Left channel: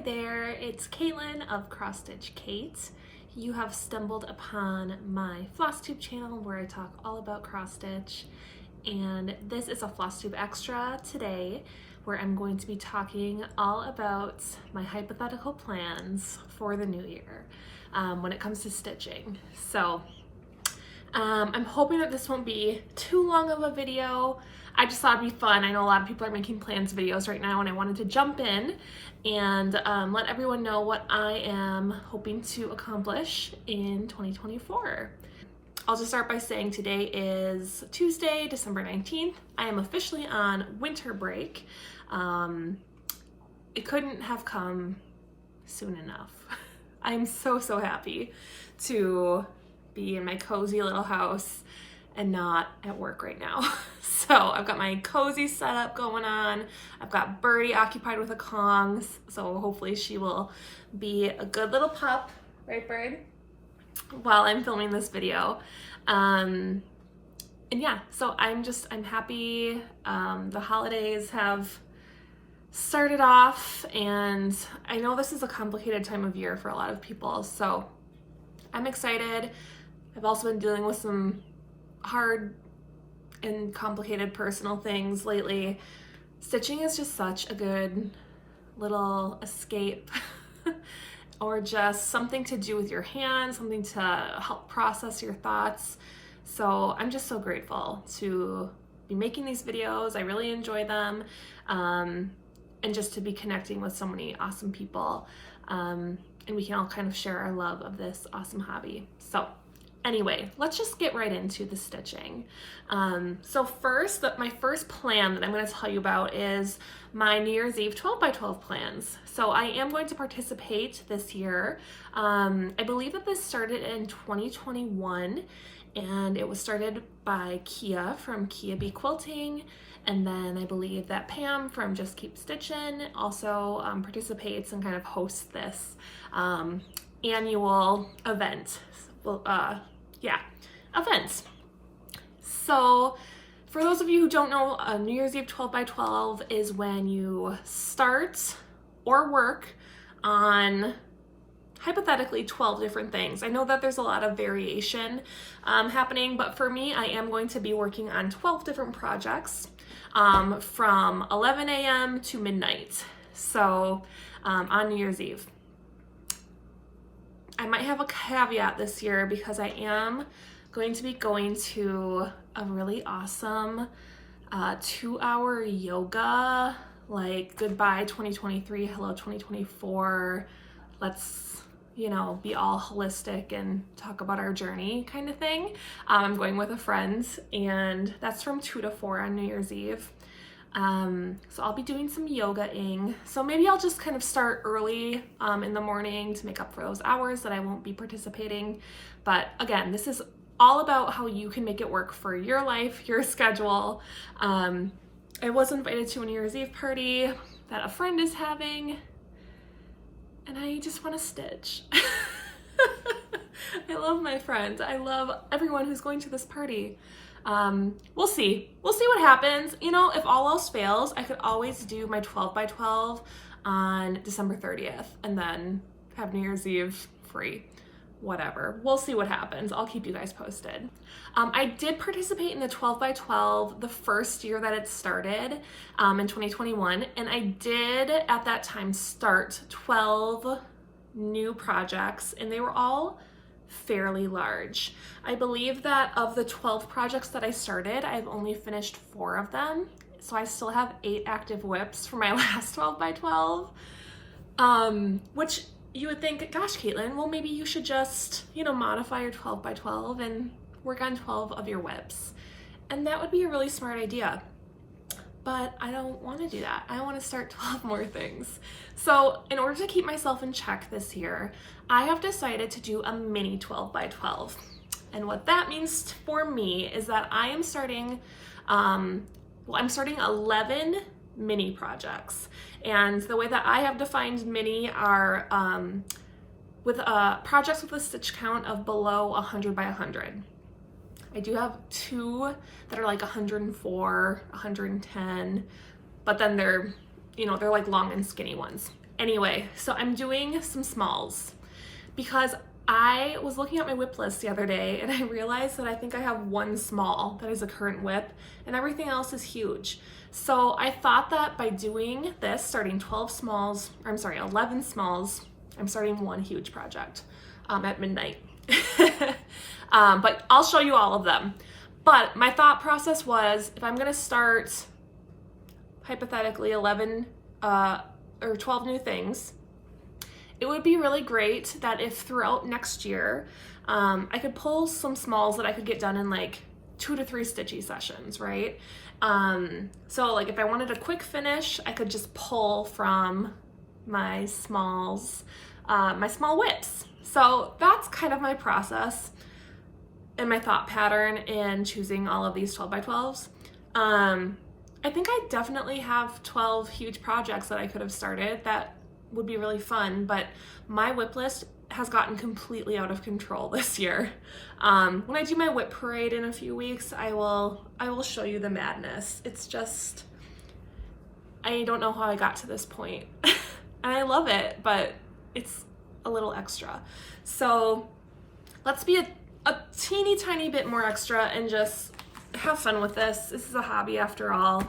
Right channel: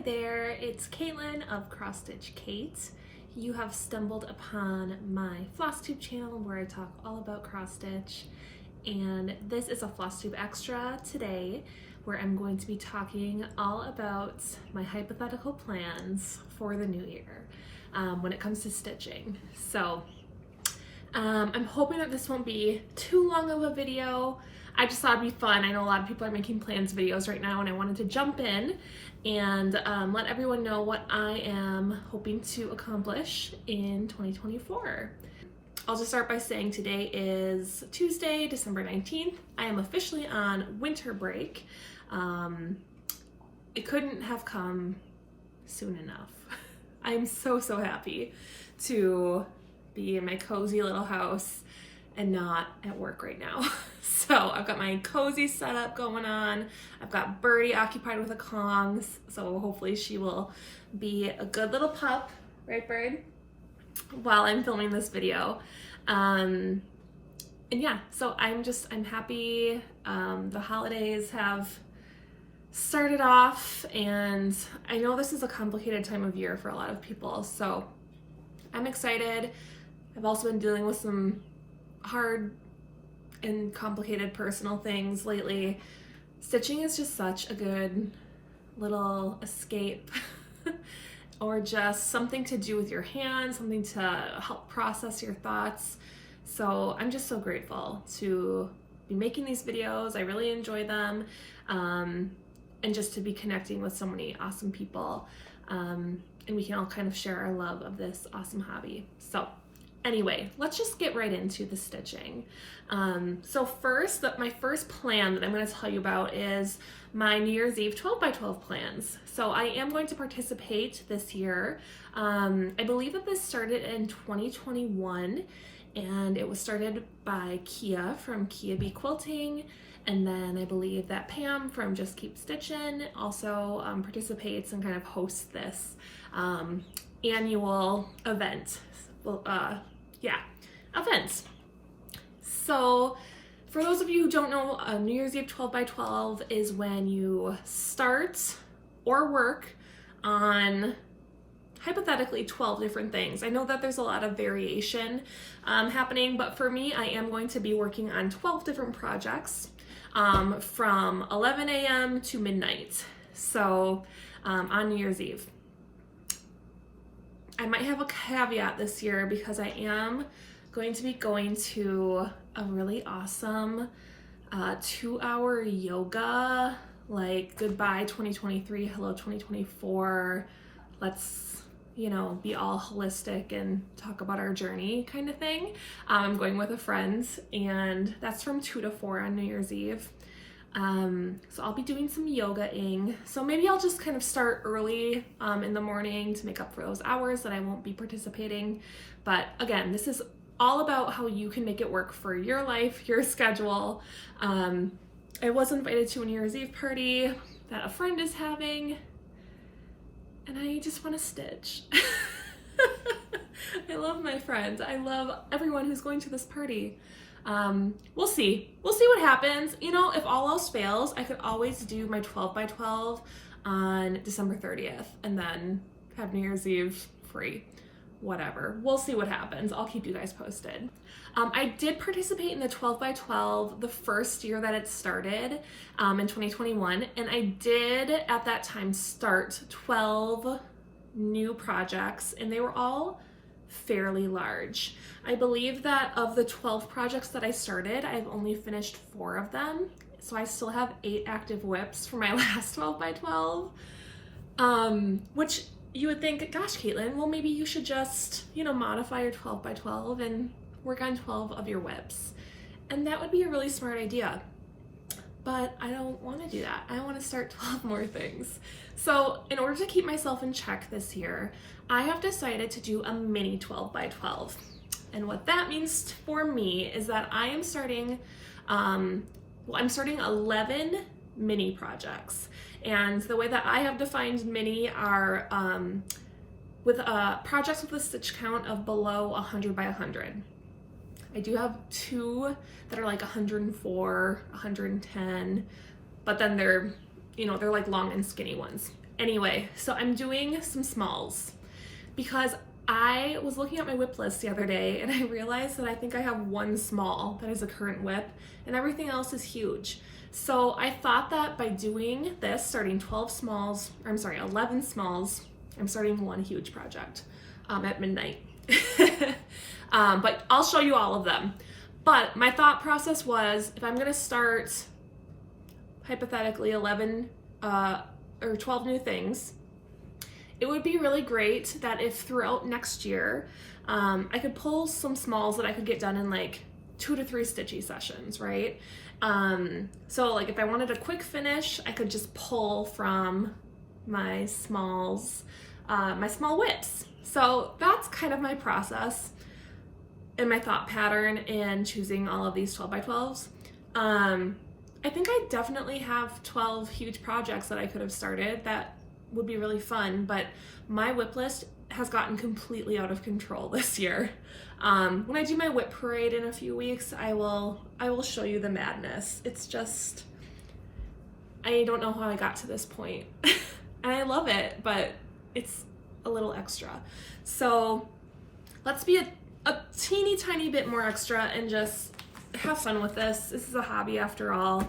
Hi there, it's Caitlin of Cross Stitch Kate. You have stumbled upon my Flosstube channel where I talk all about cross stitch, and this is a Flosstube Extra today where I'm going to be talking all about my hypothetical plans for the new year when it comes to stitching. So I'm hoping that this won't be too long of a video. I just thought it'd be fun. I know a lot of people are making plans videos right now, and I wanted to jump in and let everyone know what I am hoping to accomplish in 2024. I'll just start by saying today is Tuesday, December 19th. I am officially on winter break. It couldn't have come soon enough. I am so happy to be in my cozy little house and not at work right now. So I've got my cozy setup going on. I've got Birdie occupied with a Kongs, so hopefully she will be a good little pup, right Bird? While I'm filming this video. And yeah, so I'm happy. The holidays have started off, and I know this is a complicated time of year for a lot of people, so I'm excited. I've also been dealing with some hard and complicated personal things lately. Stitching is just such a good little escape or just something to do with your hands, something to help process your thoughts. So I'm just so grateful to be making these videos. I really enjoy them, and just to be connecting with so many awesome people, and we can all kind of share our love of this awesome hobby. So anyway, let's just get right into the stitching. So first, my first plan that I'm going to tell you about is my New Year's Eve 12x12 plans. So I am going to participate this year. I believe that this started in 2021, and it was started by Kia from Kia Bee Quilting. And then I believe that Pam from Just Keep Stitchin' also participates and kind of hosts this annual event. Events. So for those of you who don't know, New Year's Eve 12x12 is when you start or work on hypothetically 12 different things. I know that there's a lot of variation happening, but for me, I am going to be working on 12 different projects from 11 a.m. to midnight. So on New Year's Eve. I might have a caveat this year because I am going to be going to a really awesome 2-hour yoga, like goodbye 2023, hello 2024, let's, be all holistic and talk about our journey kind of thing. I'm going with a friend, and that's from 2 to 4 on New Year's Eve. So I'll be doing some yoga-ing. So maybe I'll just kind of start early in the morning to make up for those hours that I won't be participating. But again, this is all about how you can make it work for your life, your schedule. I was invited to a New Year's Eve party that a friend is having, and I just want to stitch. I love my friends. I love everyone who's going to this party. We'll see what happens. If all else fails, I could always do my 12x12 on December 30th and then have New Year's Eve free. Whatever. We'll see what happens. I'll keep you guys posted. I did participate in the 12x12 the first year that it started in 2021, and I did at that time start 12 new projects, and they were all fairly large. I believe that of the 12 projects that I started, I've only finished 4 of them. So I still have 8 active whips for my last 12x12, which you would think, gosh, Caitlin, well, maybe you should just, modify your 12x12 and work on 12 of your whips. And that would be a really smart idea. But I don't want to do that. I want to start 12 more things. So in order to keep myself in check this year, I have decided to do a mini 12x12. And what that means for me is that I am starting, I'm starting 11 mini projects. And the way that I have defined mini are with projects with a stitch count of below 100 by 100. I do have 2 that are like 104, 110, but then they're like long and skinny ones. Anyway, so I'm doing some smalls because I was looking at my whip list the other day and I realized that I think I have one small that is a current whip and everything else is huge. So I thought that by doing this, starting 11 smalls, I'm starting one huge project at midnight. But I'll show you all of them. But my thought process was, if I'm gonna start hypothetically 11 or 12 new things, it would be really great that if throughout next year, I could pull some smalls that I could get done in like 2 to 3 stitchy sessions, right? So like if I wanted a quick finish, I could just pull from my smalls, my small whips. So that's kind of my process and my thought pattern in choosing all of these 12 by 12s. I think I definitely have 12 huge projects that I could have started that would be really fun, but my whip list has gotten completely out of control this year. When I do my whip parade in a few weeks, I will show you the madness. It's just, I don't know how I got to this point. And I love it, but it's a little extra. So let's be a teeny tiny bit more extra and just have fun with this. This is a hobby after all.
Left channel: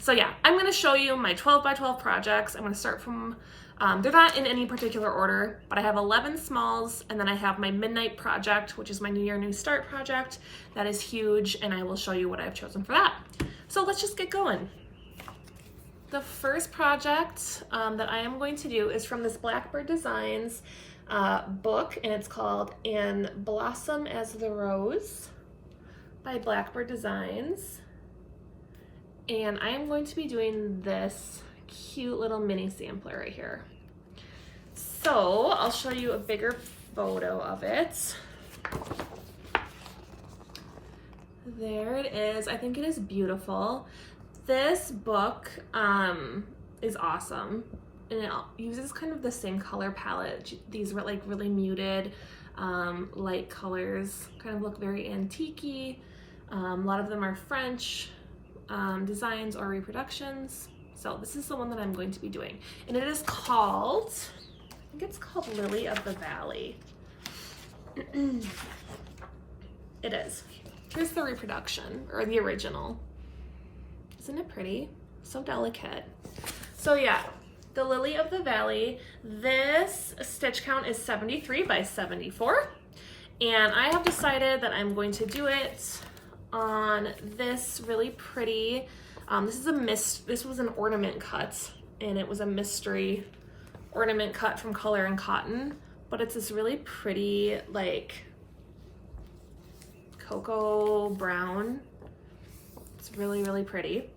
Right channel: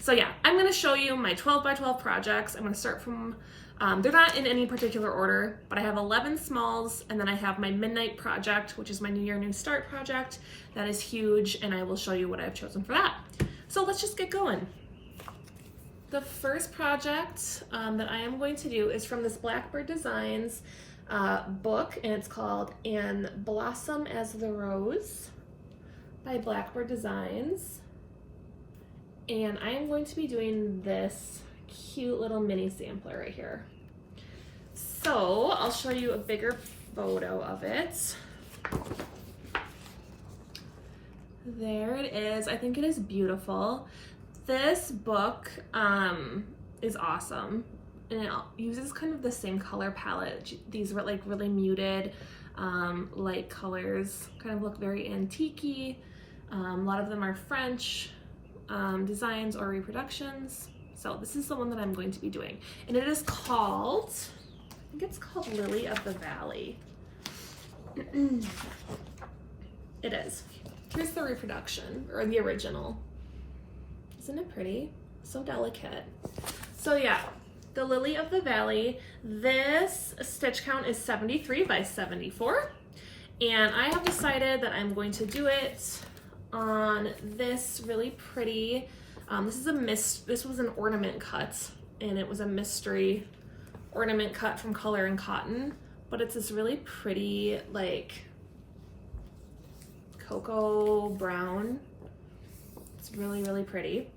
So yeah, I'm gonna show you my 12 by 12 projects. I'm gonna start from, they're not in any particular order, but I have 11 smalls, and then I have my midnight project, which is my New Year, New Start project. That is huge, and I will show you what I've chosen for that. So let's just get going. The first project that I am going to do is from this Blackbird Designs book, and it's called And Blossom as the Rose by Blackbird Designs. And I am going to be doing this cute little mini sampler right here. So I'll show you a bigger photo of it. There it is. I think it is beautiful. This book is awesome, and it uses kind of the same color palette. These were like really muted light colors, kind of look very antique-y. A lot of them are French designs or reproductions. So this is the one that I'm going to be doing, and it is called, I think it's called Lily of the Valley. It is. Here's the reproduction, or the original. Isn't it pretty? So delicate. So yeah, the Lily of the Valley. This stitch count is 73 by 74, and I have decided that I'm going to do it on this really pretty, this was an ornament cut, and it was a mystery ornament cut from Color and Cotton, but it's this really pretty like cocoa brown. It's really, really pretty.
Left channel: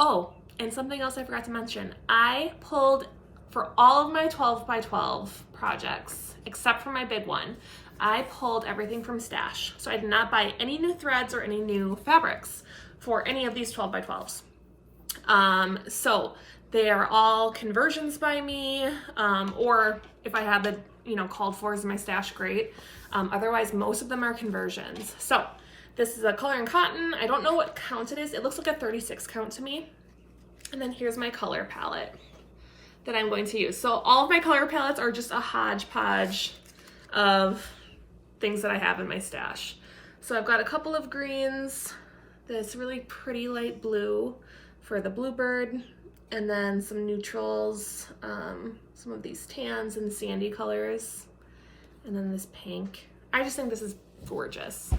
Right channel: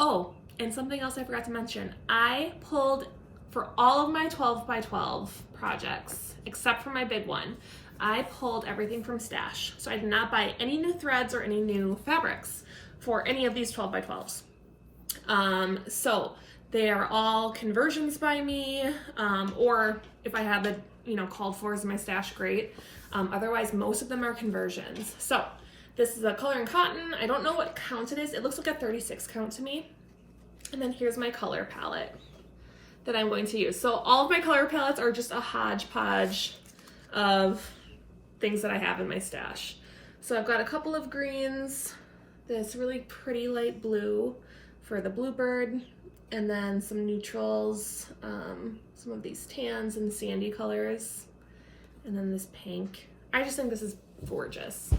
Oh, and something else I forgot to mention, I pulled for all of my 12 by 12 projects, except for my big one, I pulled everything from stash. So I did not buy any new threads or any new fabrics for any of these 12 by 12s. So they are all conversions by me, or if I have it, called for as my stash, great. Otherwise, most of them are conversions. So this is a Color and Cotton. I don't know what count it is. It looks like a 36 count to me. And then here's my color palette that I'm going to use. So all of my color palettes are just a hodgepodge of things that I have in my stash. So I've got a couple of greens, this really pretty light blue for the bluebird, and then some neutrals, some of these tans and sandy colors, and then this pink. I just think this is gorgeous.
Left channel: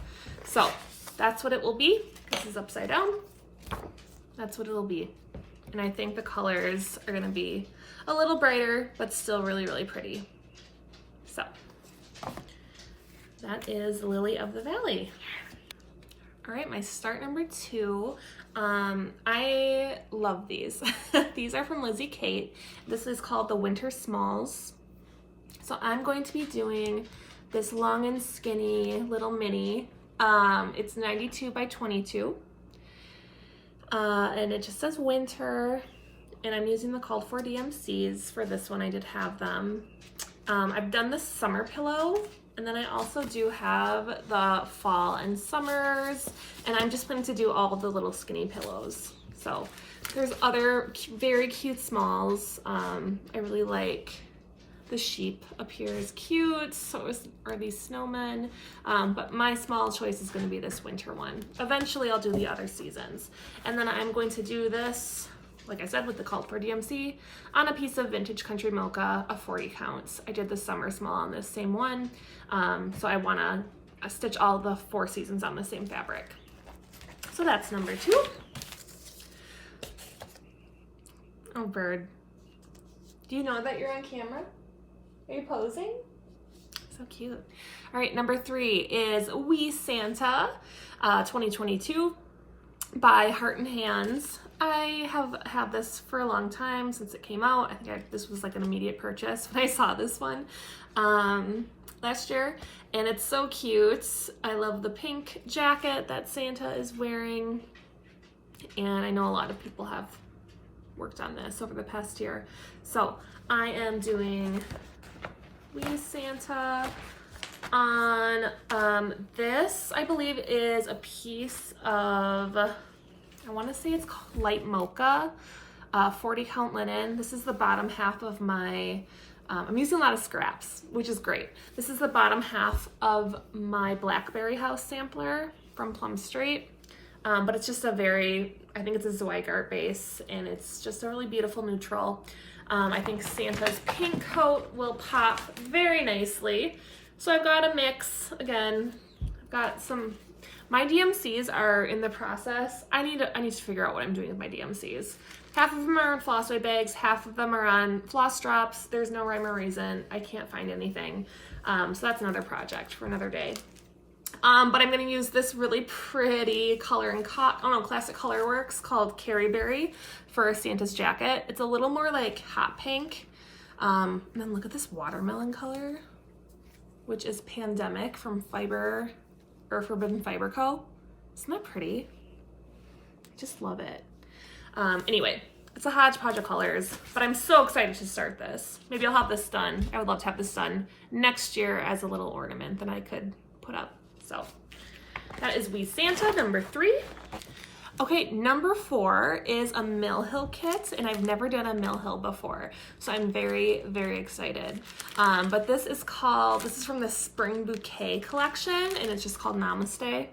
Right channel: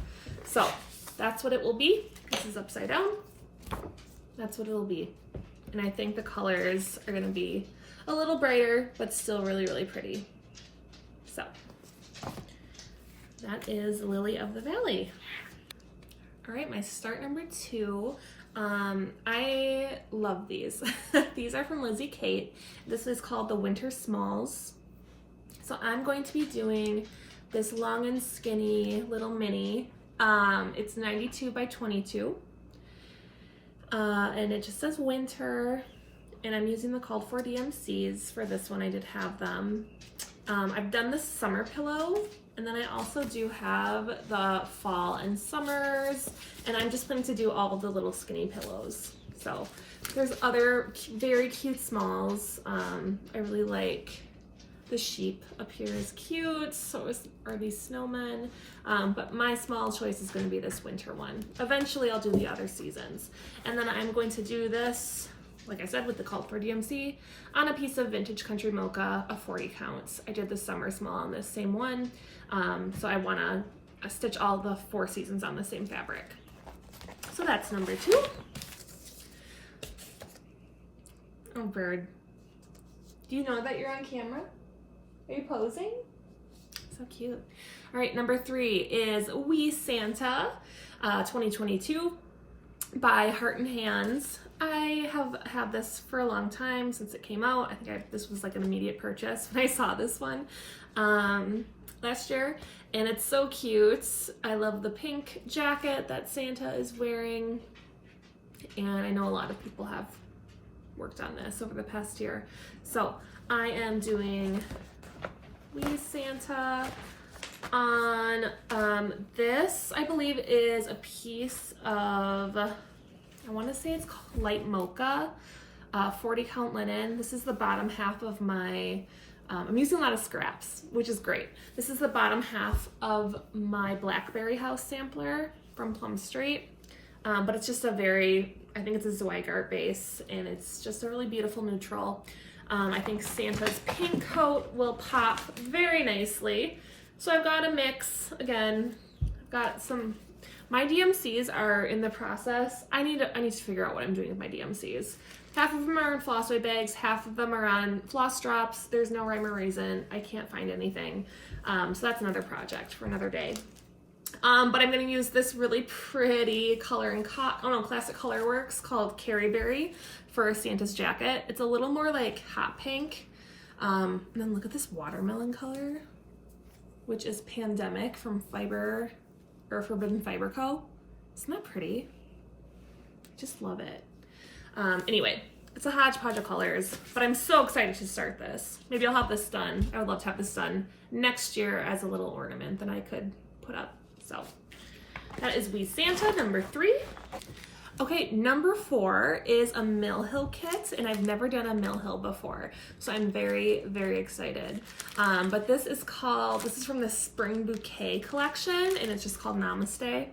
So that's what it will be. This is upside down. That's what it'll be. And I think the colors are gonna be a little brighter, but still really, really pretty. So that is Lily of the Valley. All right, my start number 2. I love these. These are from Lizzie Kate. This is called the Winter Smalls. So I'm going to be doing this long and skinny little mini. It's 92 by 22. And it just says winter, and I'm using the called for DMCs for this one. I did have them. I've done the summer pillow, and then I also do have the fall and summers, and I'm just going to do all of the little skinny pillows. So there's other very cute smalls. I really like the sheep up here is cute. So are these snowmen. But my small choice is going to be this winter one. Eventually I'll do the other seasons. And then I'm going to do this, like I said, with the Cult for DMC on a piece of vintage country mocha, a 40 counts. I did the summer small on this same one. So I want to stitch all the 4 seasons on the same fabric. So that's number 2. Oh, bird. Do you know that you're on camera? Are you posing? So cute. All right, number 3 is We Santa 2022 by Heart and Hands. I have had this for a long time since it came out. I think this was like an immediate purchase when I saw this one last year, and it's so cute. I love the pink jacket that Santa is wearing, and I know a lot of people have worked on this over the past year. So I am doing We Santa on this, I believe, is a piece of, I want to say it's called light mocha, 40 count linen. This is the bottom half of my, I'm using a lot of scraps, which is great. This is the bottom half of my Blackberry House sampler from Plum Street. But it's just a very, I think it's a Zweigart base, and it's just a really beautiful neutral. I think Santa's pink coat will pop very nicely. So I've got a mix. Again, I've got some, my DMCs are in the process. I need to figure out what I'm doing with my DMCs. Half of them are on Flosstube bags, half of them are on floss drops. There's no rhyme or reason. I can't find anything. So that's another project for another day. But I'm going to use this really pretty color and classic color works called Carrie Berry for Santa's jacket. It's a little more like hot pink. And then look at this watermelon color, which is Pandemic from Forbidden Fiber Co. Isn't that pretty? Just love it. Anyway, it's a hodgepodge of colors, but I'm so excited to start this. Maybe I'll have this done. I would love to have this done next year as a little ornament that I could put up. So that is We Santa, number 3. Okay, number 4 is a Mill Hill kit, and I've never done a Mill Hill before, so I'm very, very excited. But this is from the Spring Bouquet collection, and it's just called Namaste.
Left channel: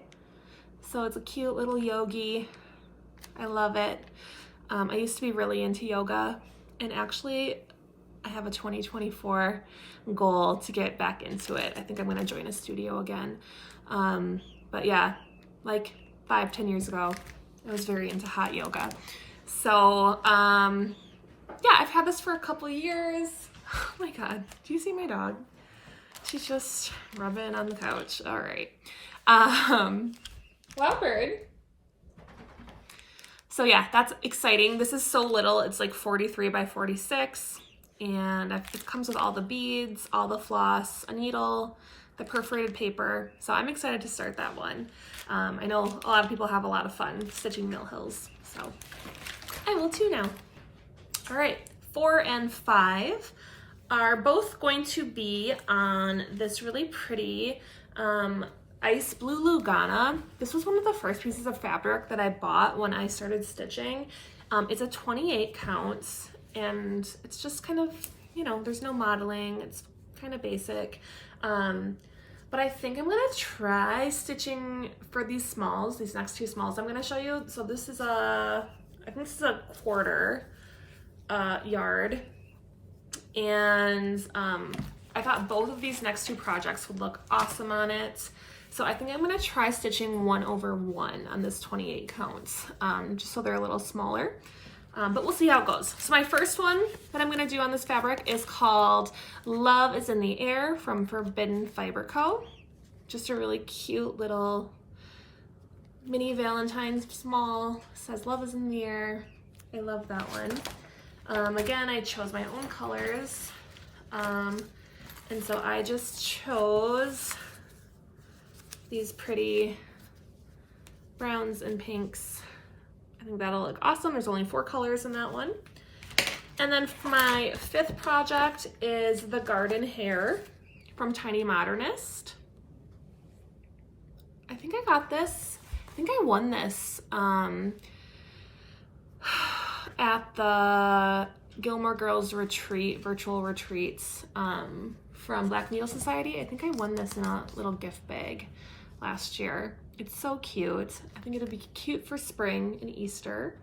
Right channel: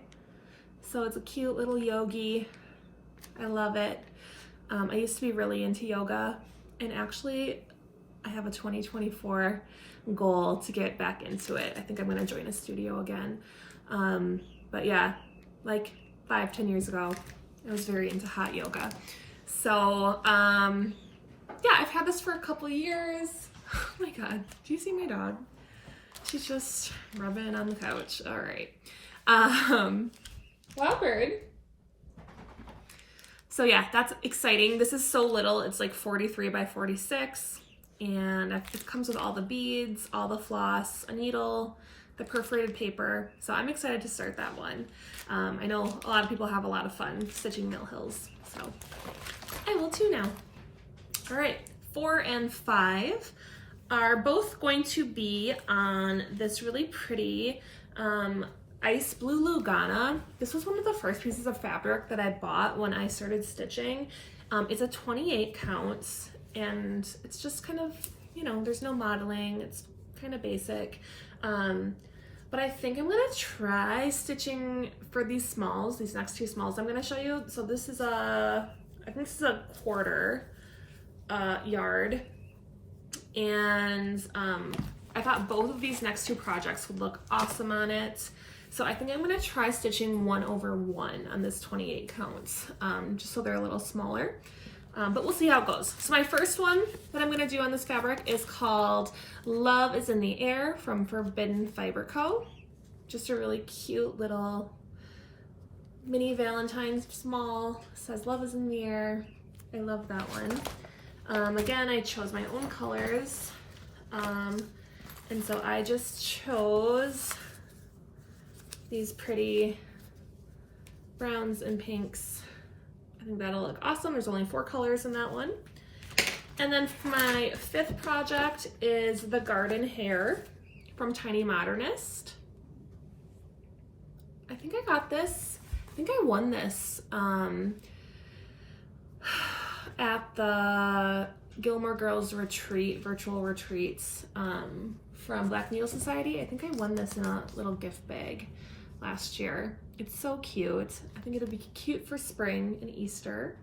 So it's a cute little yogi. I love it. I used to be really into yoga, and actually I have a 2024 goal to get back into it. I think I'm gonna join a studio again. But yeah, like 5-10 years ago, I was very into hot yoga. So yeah, I've had this for a couple of years. Oh my God, do you see my dog? She's just rubbing on the couch. All right. Wow, bird. So yeah, that's exciting. This is so little. It's like 43 by 46. And it comes with all the beads, all the floss, a needle, the perforated paper. So I'm excited to start that one. I know a lot of people have a lot of fun stitching Mill Hills, so I will too now. All right, 4 and 5 are both going to be on this really pretty ice blue Lugana. This was one of the first pieces of fabric that I bought when I started stitching. It's a 28 counts, and it's just kind of, you know, there's no modeling. It's kind of basic. But I think I'm gonna try stitching for these smalls, these next 2 smalls I'm gonna show you. So this is I think this is a 1/4 yard. And I thought both of these next 2 projects would look awesome on it. So I think I'm gonna try stitching 1/1 on this 28 counts, just so they're a little smaller. But we'll see how it goes. So my first one that I'm gonna do on this fabric is called Love is in the Air from Forbidden Fiber Co. Just a really cute little mini Valentine's small. It says Love is in the Air. I love that one. Again, I chose my own colors. And so I just chose these pretty browns and pinks. I think that'll look awesome. There's only 4 colors in that one. And then for my 5th project is the Garden Hare from Tiny Modernist. I think I got this. I think I won this at the Gilmore Girls retreat, virtual retreats from Black Needle Society. I think I won this in a little gift bag last year. It's so cute. I think it'll be cute for spring and Easter.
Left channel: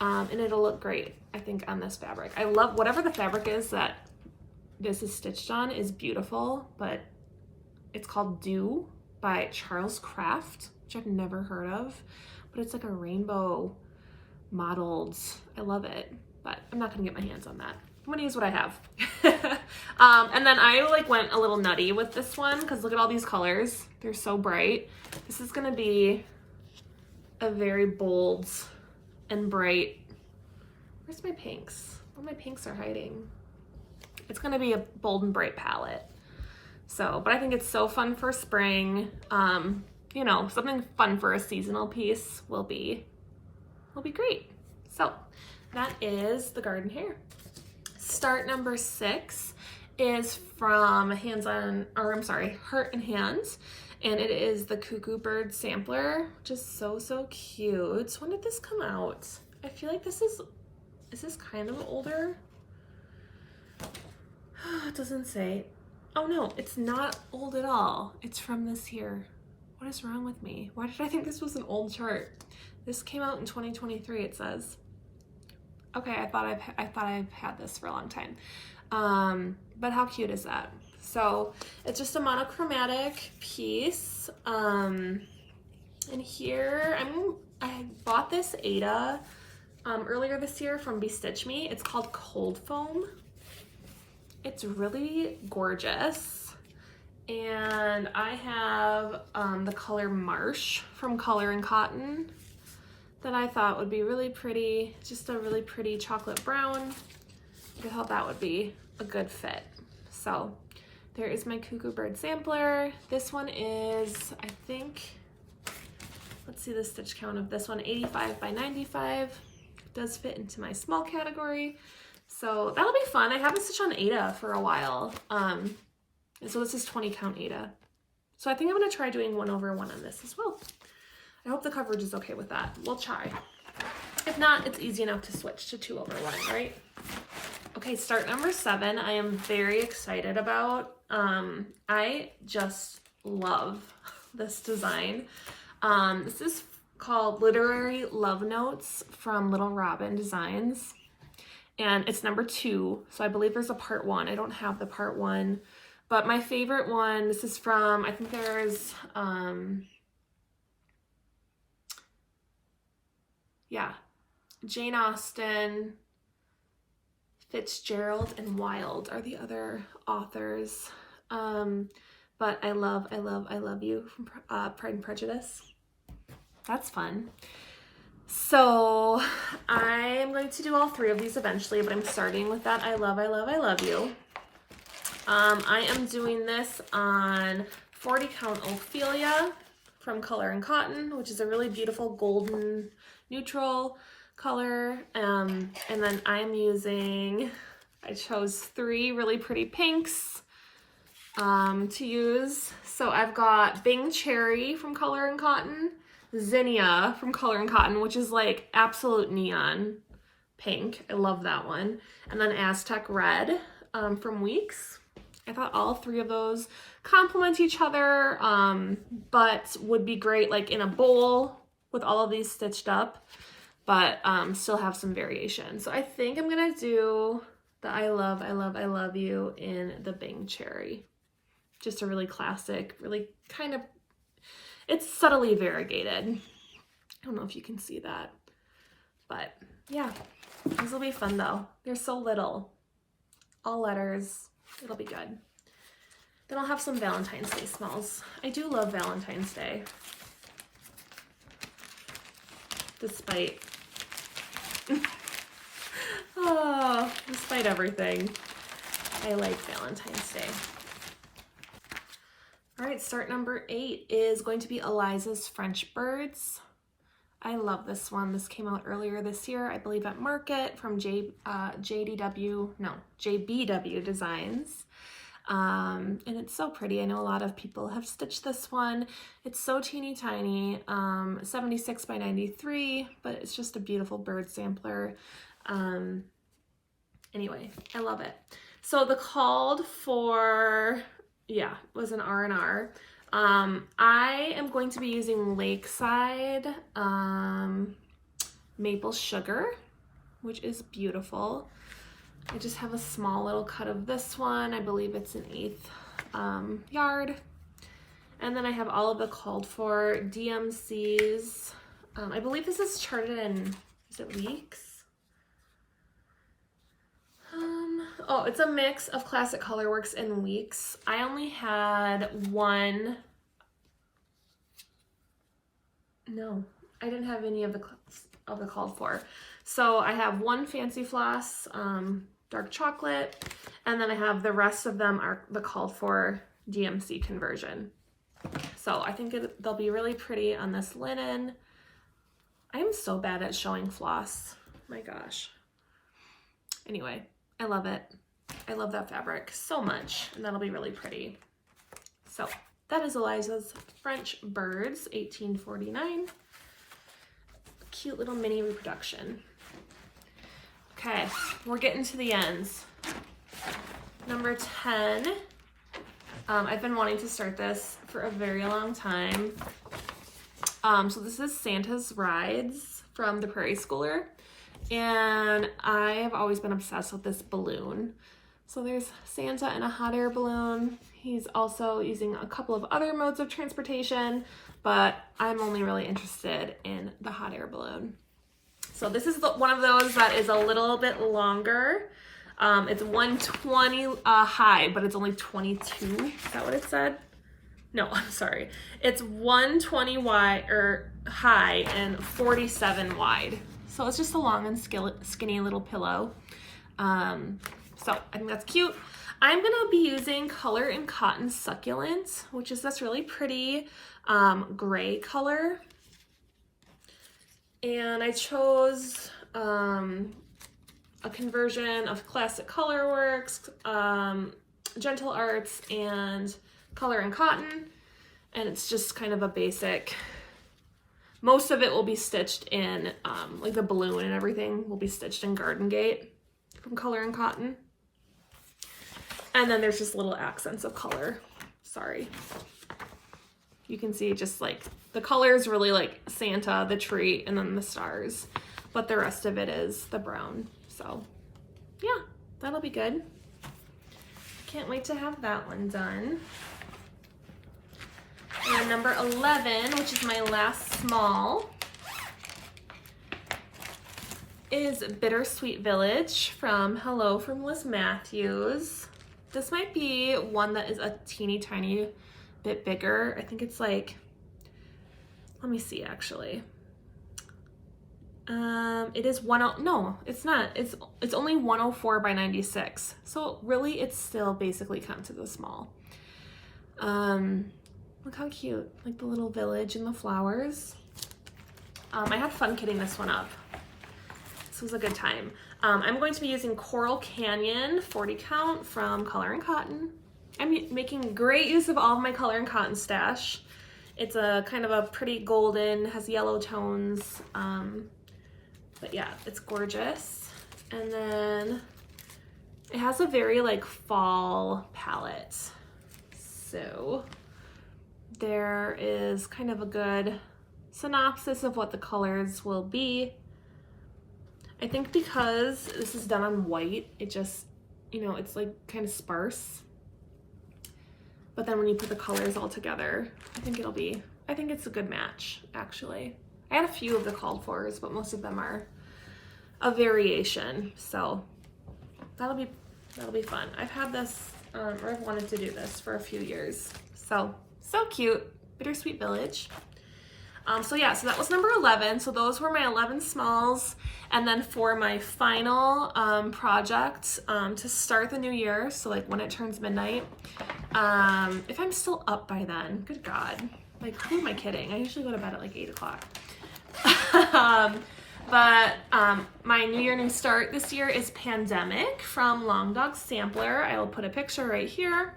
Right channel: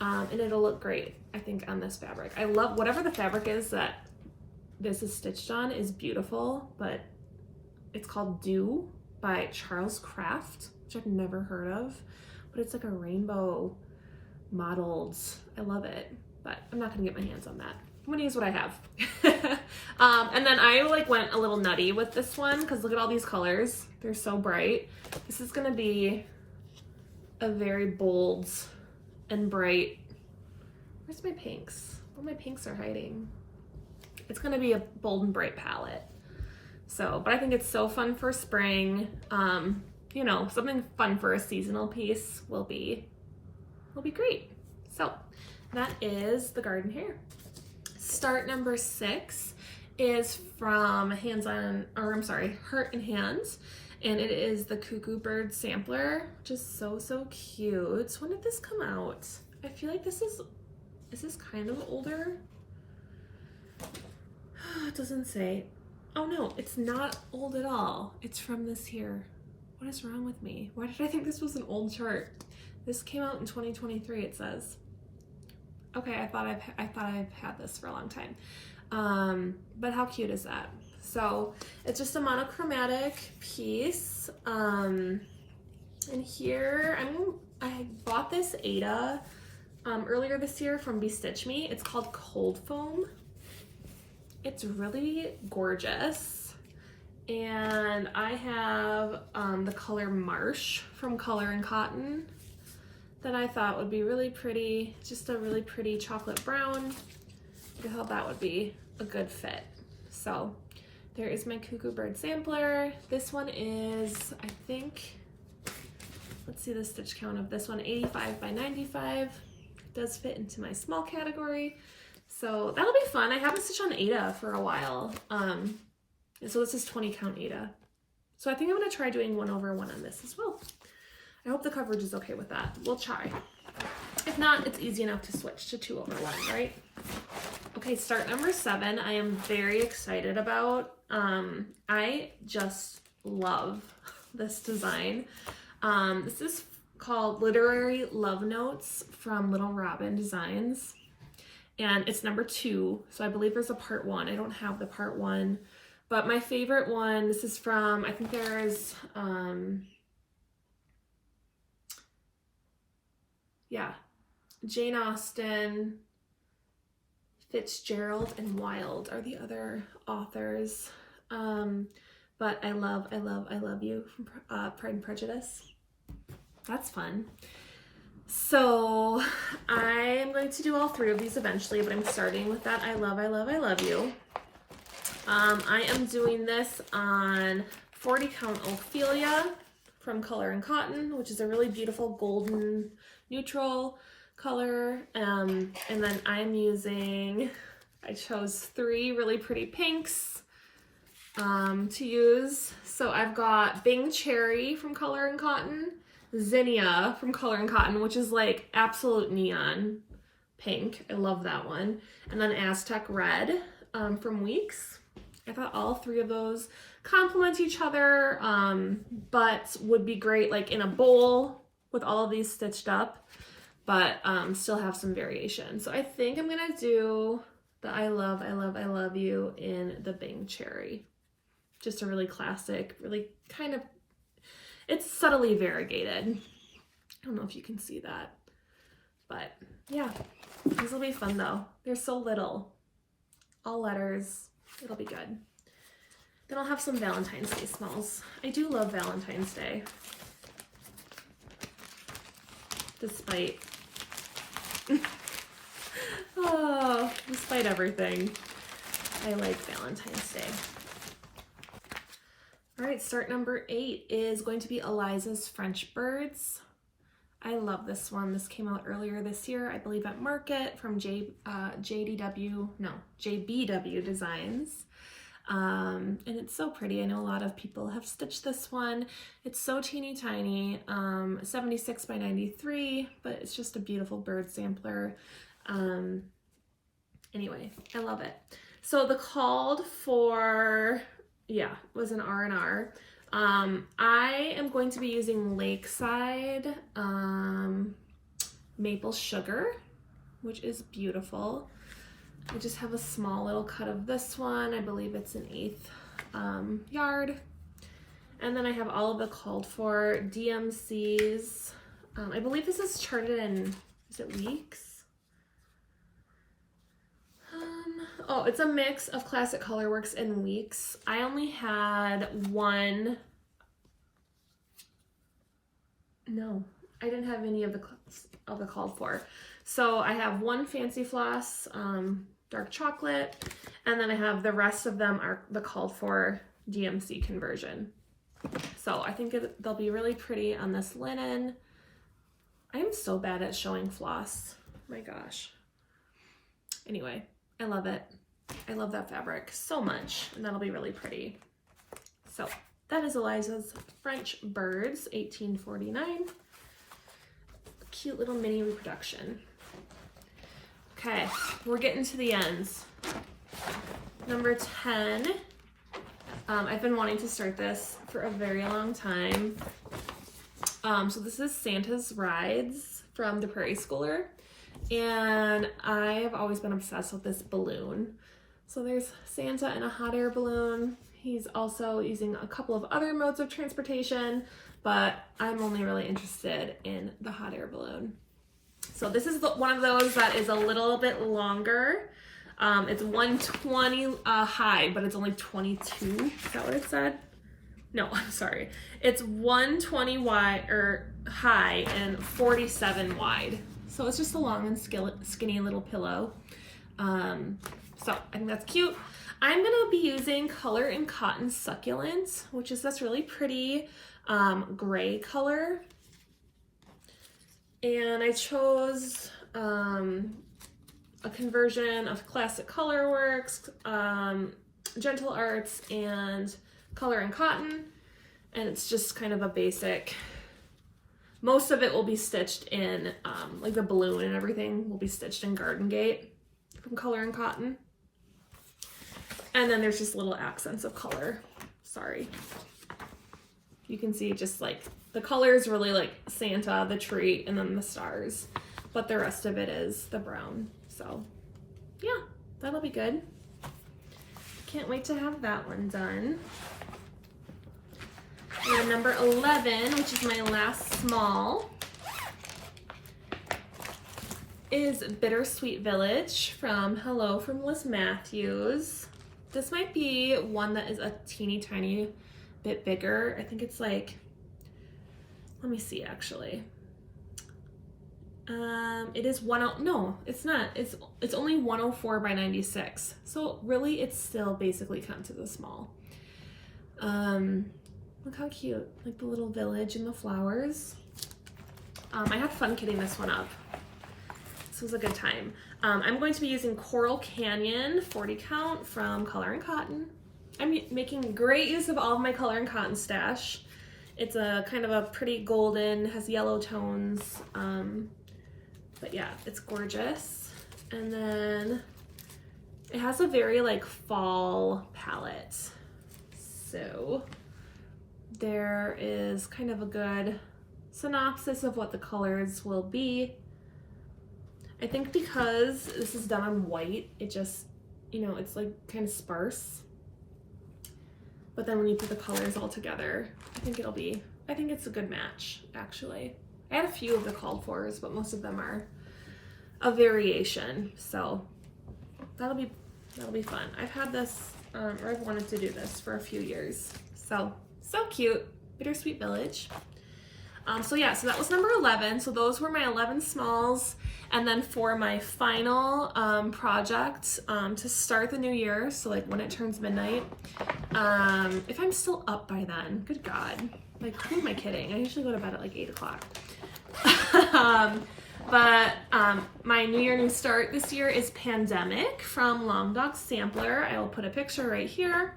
And it'll look great, I think, on this fabric. I love whatever the fabric is that this is stitched on is beautiful, but it's called Dew by Charles Craft, which I've never heard of, but it's like a rainbow modeled. I love it, but I'm not gonna get my hands on that. I'm gonna use what I have. And then I like went a little nutty with this one because look at all these colors. They're so bright. This is gonna be a very bold and bright. Where's my pinks? Oh, my pinks are hiding. It's gonna be a bold and bright palette. So, but I think it's so fun for spring. You know, something fun for a seasonal piece will be great. So that is the garden hare. Start number 6 is from Heart and Hands, and it is the Cuckoo Bird sampler, which is so cute. When did this come out? I feel like is this kind of older? It doesn't say. Oh no, it's not old at all. It's from this year. What is wrong with me? Why did I think this was an old chart? This came out in 2023, it says. Okay, I thought I've had this for a long time. But how cute is that? So it's just a monochromatic piece. And here I bought this Ada earlier this year from Bestitch Me. It's called Cold Foam. It's really gorgeous. And I have the color Marsh from Color and Cotton that I thought would be really pretty, just a really pretty chocolate brown. I thought that would be a good fit. So there is my Cuckoo Bird sampler. This one is, I think, let's see the stitch count of this one, 85 by 95. It does fit into my small category. So that'll be fun. I haven't stitched on Ada for a while. And so this is 20 count Ada. So I think I'm gonna try doing 1/1 on this as well. I hope the coverage is okay with that. We'll try. If not, it's easy enough to switch to 2/1, right? Okay, start number 7. I am very excited about. I just love this design. This is called Literary Love Notes from Little Robin Designs. And it's number 2. So I believe there's a part 1. I don't have the part 1. But my favorite one, this is from, I think there's, Jane Austen, Fitzgerald, and Wilde are the other authors. But I love you from Pride and Prejudice. That's fun. So I'm going to do all 3 of these eventually, but I'm starting with that I love you. I am doing this on 40 count Ophelia from Color and Cotton, which is a really beautiful golden neutral color. And then I chose 3 really pretty pinks to use. So I've got Bing Cherry from Color and Cotton, Zinnia from Color and Cotton, which is like absolute neon pink. I love that one. And then Aztec Red from Weeks. I thought all 3 of those complement each other, but would be great like in a bowl with all of these stitched up, but still have some variation. So I think I'm gonna do the I love you in the Bing Cherry. Just a really classic, really kind of, it's subtly variegated. I don't know if you can see that, but yeah, these will be fun though. They're so little, all letters. It'll be good. Then I'll have some Valentine's Day smells. I do love Valentine's Day. Despite everything, I like Valentine's Day. All right, start number 8 is going to be Elizas French Birds. I love this one. This came out earlier this year, I believe at Market from JBW Designs. And it's so pretty. I know a lot of people have stitched this one. It's so teeny tiny, 76 by 93, but it's just a beautiful bird sampler. Anyway, I love it. So the called for, yeah, was an R&R. I am going to be using Lakeside maple sugar, which is beautiful. I just have a small little cut of this one. I believe it's an 1/8 yard. And then I have all of the called for DMCs. I believe this is charted in, is it weeks? Oh, it's a mix of Classic Colorworks and weeks. I only had one. No, I didn't have any of the called for. So I have one Fancy Floss, dark chocolate, and then I have the rest of them are the called for DMC conversion. So I think they'll be really pretty on this linen. I'm so bad at showing floss. My gosh. Anyway, I love it. I love that fabric so much, and that'll be really pretty. So that is Elizas French Birds, 1849. Cute little mini reproduction. Okay, we're getting to the ends. Number 10. I've been wanting to start this for a very long time. So this is Santa's Rides from the Prairie Schooler. And I've always been obsessed with this balloon. So there's Santa in a hot air balloon. He's also using a couple of other modes of transportation, but I'm only really interested in the hot air balloon. So this is one of those that is a little bit longer. It's 120 high, but it's only 22. Is that what it said? No, I'm sorry. It's 120 wide or high and 47 wide. So it's just a long and skinny little pillow. So I think that's cute. I'm gonna be using Color and Cotton Succulent, which is this really pretty gray color. And I chose a conversion of Classic Colorworks, Gentle Arts, and Color and Cotton. And it's just kind of a basic, most of it will be stitched in, like the balloon and everything will be stitched in Garden Gate from Color and Cotton. And then there's just little accents of color. Sorry. You can see just like the color is really like Santa, the tree, and then the stars. But the rest of it is the brown. So yeah, that'll be good. Can't wait to have that one done. And number 11, which is my last small, is Bittersweet Village from Hello from Liz Matthews. This might be one that is a teeny tiny bit bigger. I think it's like, let me see actually. It is no, it's not. It's only 104 by 96. So really it's still basically counted as a small. Look how cute, like the little village and the flowers. I had fun kitting this one up. This was a good time. I'm going to be using Coral Canyon 40 count from Color and Cotton. I'm making great use of all of my Color and Cotton stash. It's a kind of a pretty golden, has yellow tones. But yeah, it's gorgeous. And then it has a very like fall palette. So there is kind of a good synopsis of what the colors will be. I think because this is done on white, it just, you know, it's like kind of sparse. But then when you put the colors all together, I think it's a good match, actually. I had a few of the called fors, but most of them are a variation. So that'll be fun. I've had this, or I've wanted to do this for a few years. So cute. Bittersweet Village. So yeah, so that was number 11. So those were my 11 smalls. And then for my final project to start the new year, so like when it turns midnight, if I'm still up by then, good God, like who am I kidding? I usually go to bed at like 8 o'clock. But my New Year New Start this year is Pandemic from Long Dog Sampler. I will put a picture right here.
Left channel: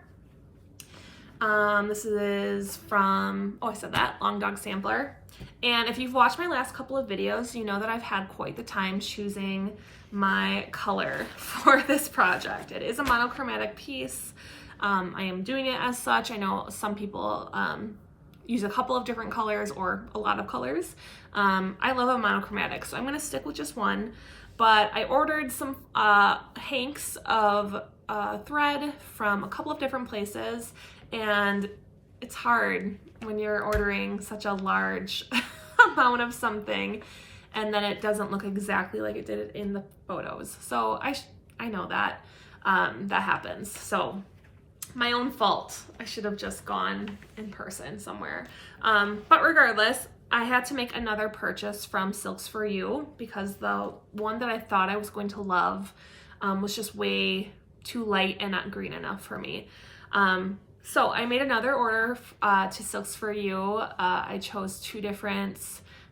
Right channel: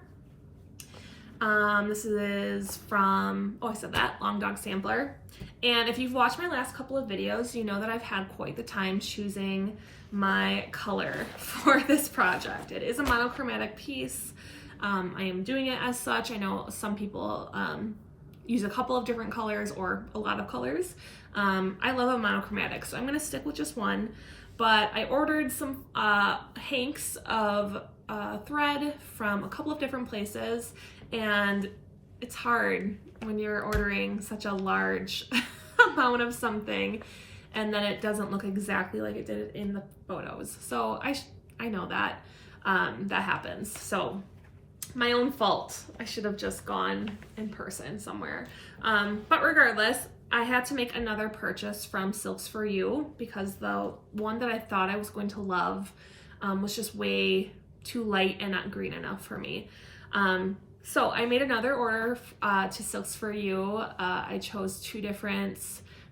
This is from, oh, I said that, Long Dog Sampler. And if you've watched my last couple of videos, you know that I've had quite the time choosing my color for this project. It is a monochromatic piece. I am doing it as such. I know some people use a couple of different colors or a lot of colors. I love a monochromatic, so I'm gonna stick with just one, but I ordered some hanks of thread from a couple of different places, and it's hard when you're ordering such a large amount of something and then it doesn't look exactly like it did in the photos. So I know that that happens. So my own fault. I should have just gone in person somewhere. But regardless, I had to make another purchase from Silks For You because the one that I thought I was going to love was just way too light and not green enough for me. So I made another order to Silks For You. I chose two different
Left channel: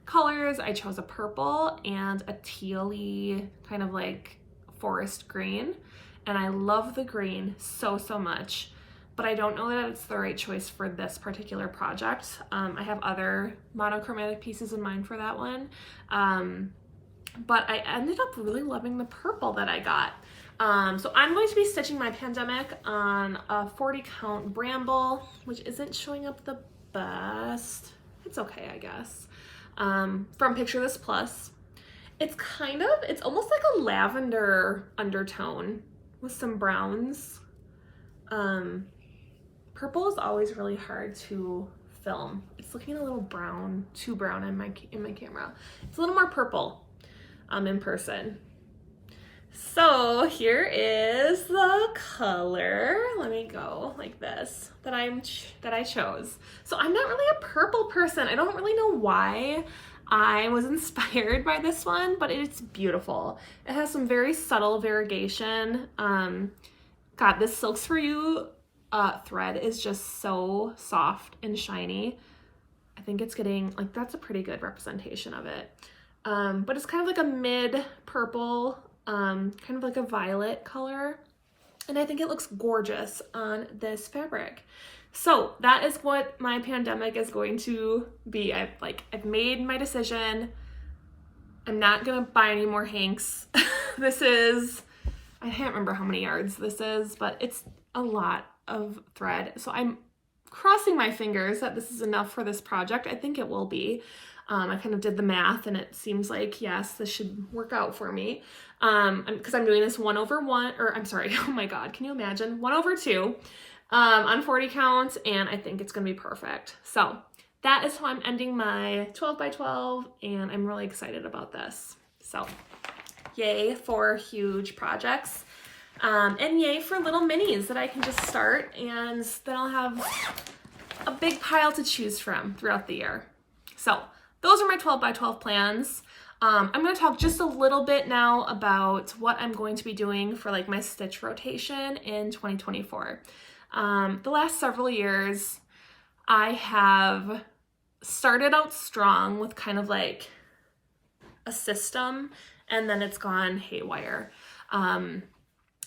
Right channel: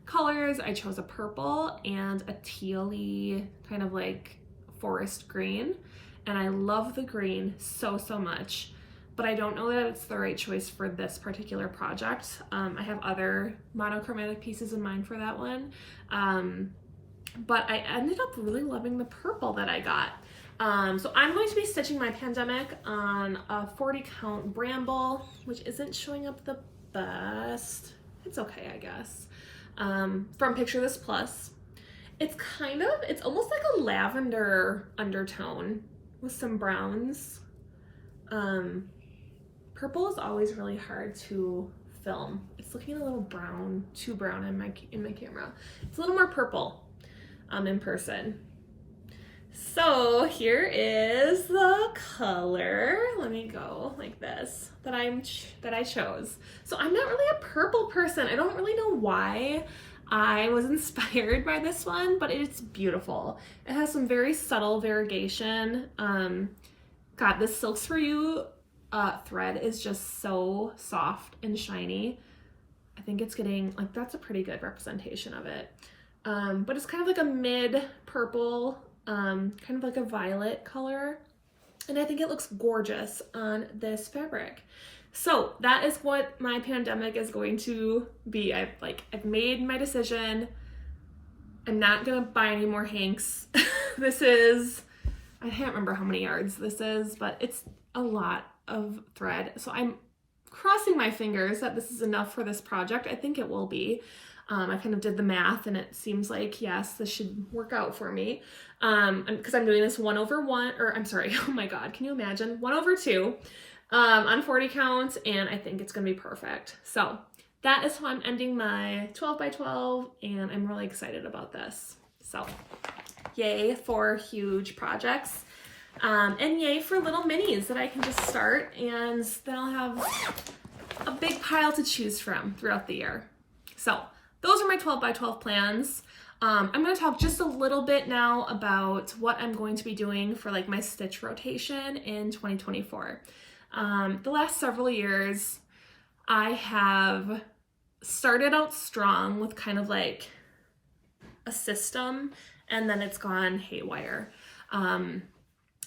colors. I chose a purple and a tealy kind of like forest green. And I love the green so much, but I don't know that it's the right choice for this particular project. I have other monochromatic pieces in mind for that one. But I ended up really loving the purple that I got. So I'm going to be stitching my pandemic on a 40 count bramble, which isn't showing up the best. It's okay, I guess. From Picture This Plus. It's almost like a lavender undertone with some browns. Purple is always really hard to film. It's looking a little brown, too brown in my camera. It's a little more purple in person. So here is the color. Let me go like this that I chose. So I'm not really a purple person. I don't really know why I was inspired by this one, but it's beautiful. It has some very subtle variegation. God, this Silks For You thread is just so soft and shiny. I think it's getting, like, that's a pretty good representation of it. But it's kind of like a mid purple, kind of like a violet color. And I think it looks gorgeous on this fabric. So that is what my pandemic is going to be. I've made my decision. I'm not gonna buy any more hanks. This is, I can't remember how many yards this is, but it's a lot of thread. So I'm crossing my fingers that this is enough for this project. I think it will be. I kind of did the math and it seems like, yes, this should work out for me. Because I'm doing this 1/1, or I'm sorry, oh my God, can you imagine? 1/2 on 40 count, and I think it's gonna be perfect. So that is how I'm ending my 12 by 12, and I'm really excited about this. So yay for huge projects, and yay for little minis that I can just start, and then I'll have a big pile to choose from throughout the year. So those are my 12 by 12 plans. I'm going to talk just a little bit now about what I'm going to be doing for like my stitch rotation in 2024. The last several years, I have started out strong with kind of like a system, and then it's gone haywire.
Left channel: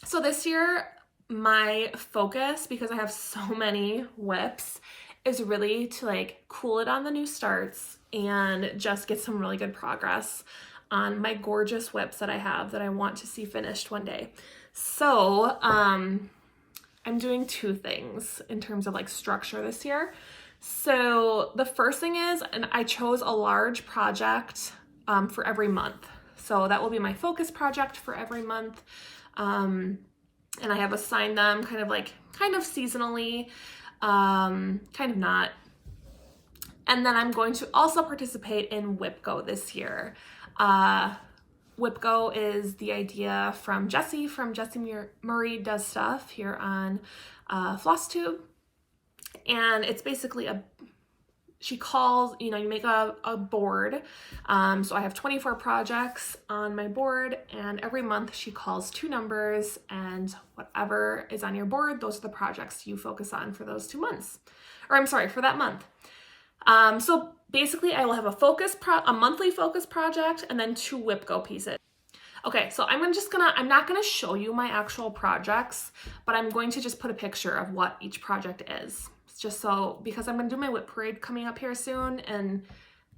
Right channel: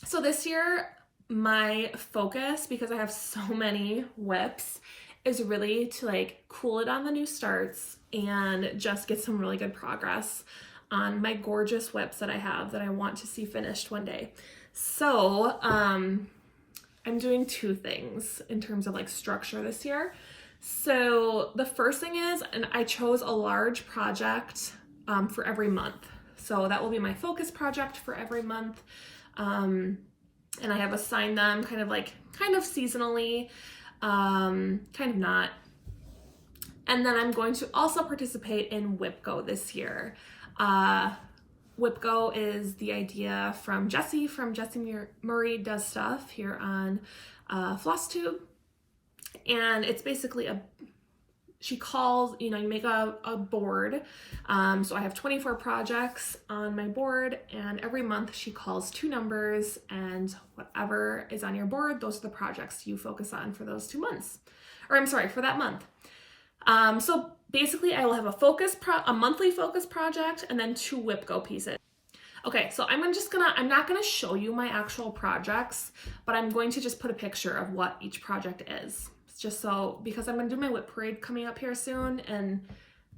So this year, my focus, because I have so many whips, is really to like cool it on the new starts and just get some really good progress on my gorgeous whips that I have that I want to see finished one day. So I'm doing two things in terms of like structure this year. So the first thing is, and I chose a large project for every month. So that will be my focus project for every month. And I have assigned them kind of seasonally, kind of not. And then I'm going to also participate in WhipGo this year. WhipGo is the idea from Jessie Murray Does Stuff here on Flosstube. And it's basically she calls, you make a board. So I have 24 projects on my board, and every month she calls two numbers, and whatever is on your board, those are the projects you focus on for those 2 months. Or I'm sorry, for that month. So basically I will have a monthly focus project and then 2 WhipGo pieces. Okay, so I'm not gonna show you my actual projects, but I'm going to just put a picture of what each project is. Just so, because I'm gonna do my whip parade coming up here soon, and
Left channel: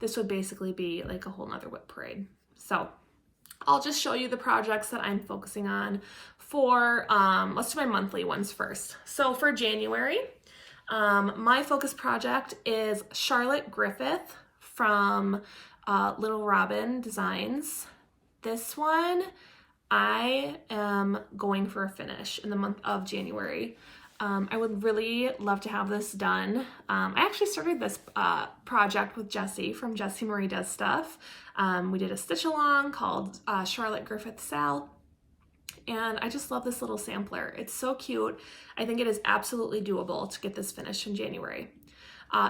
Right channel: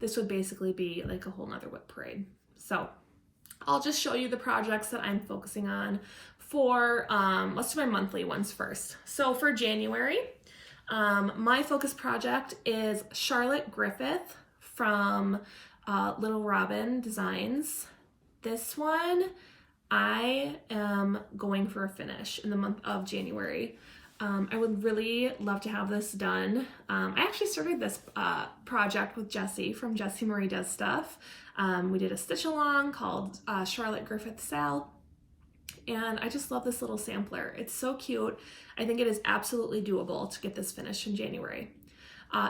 this would basically be like a whole nother whip parade. So I'll just show you the projects that I'm focusing on for, let's do my monthly ones first. So for January, my focus project is Charlotte Griffith from Little Robin Designs. This one, I am going for a finish in the month of January. I would really love to have this done. I actually started this project with Jessie from Jessie Marie Does Stuff. We did a stitch along called Charlotte Griffith Sal, and I just love this little sampler. It's so cute. I think it is absolutely doable to get this finished in January.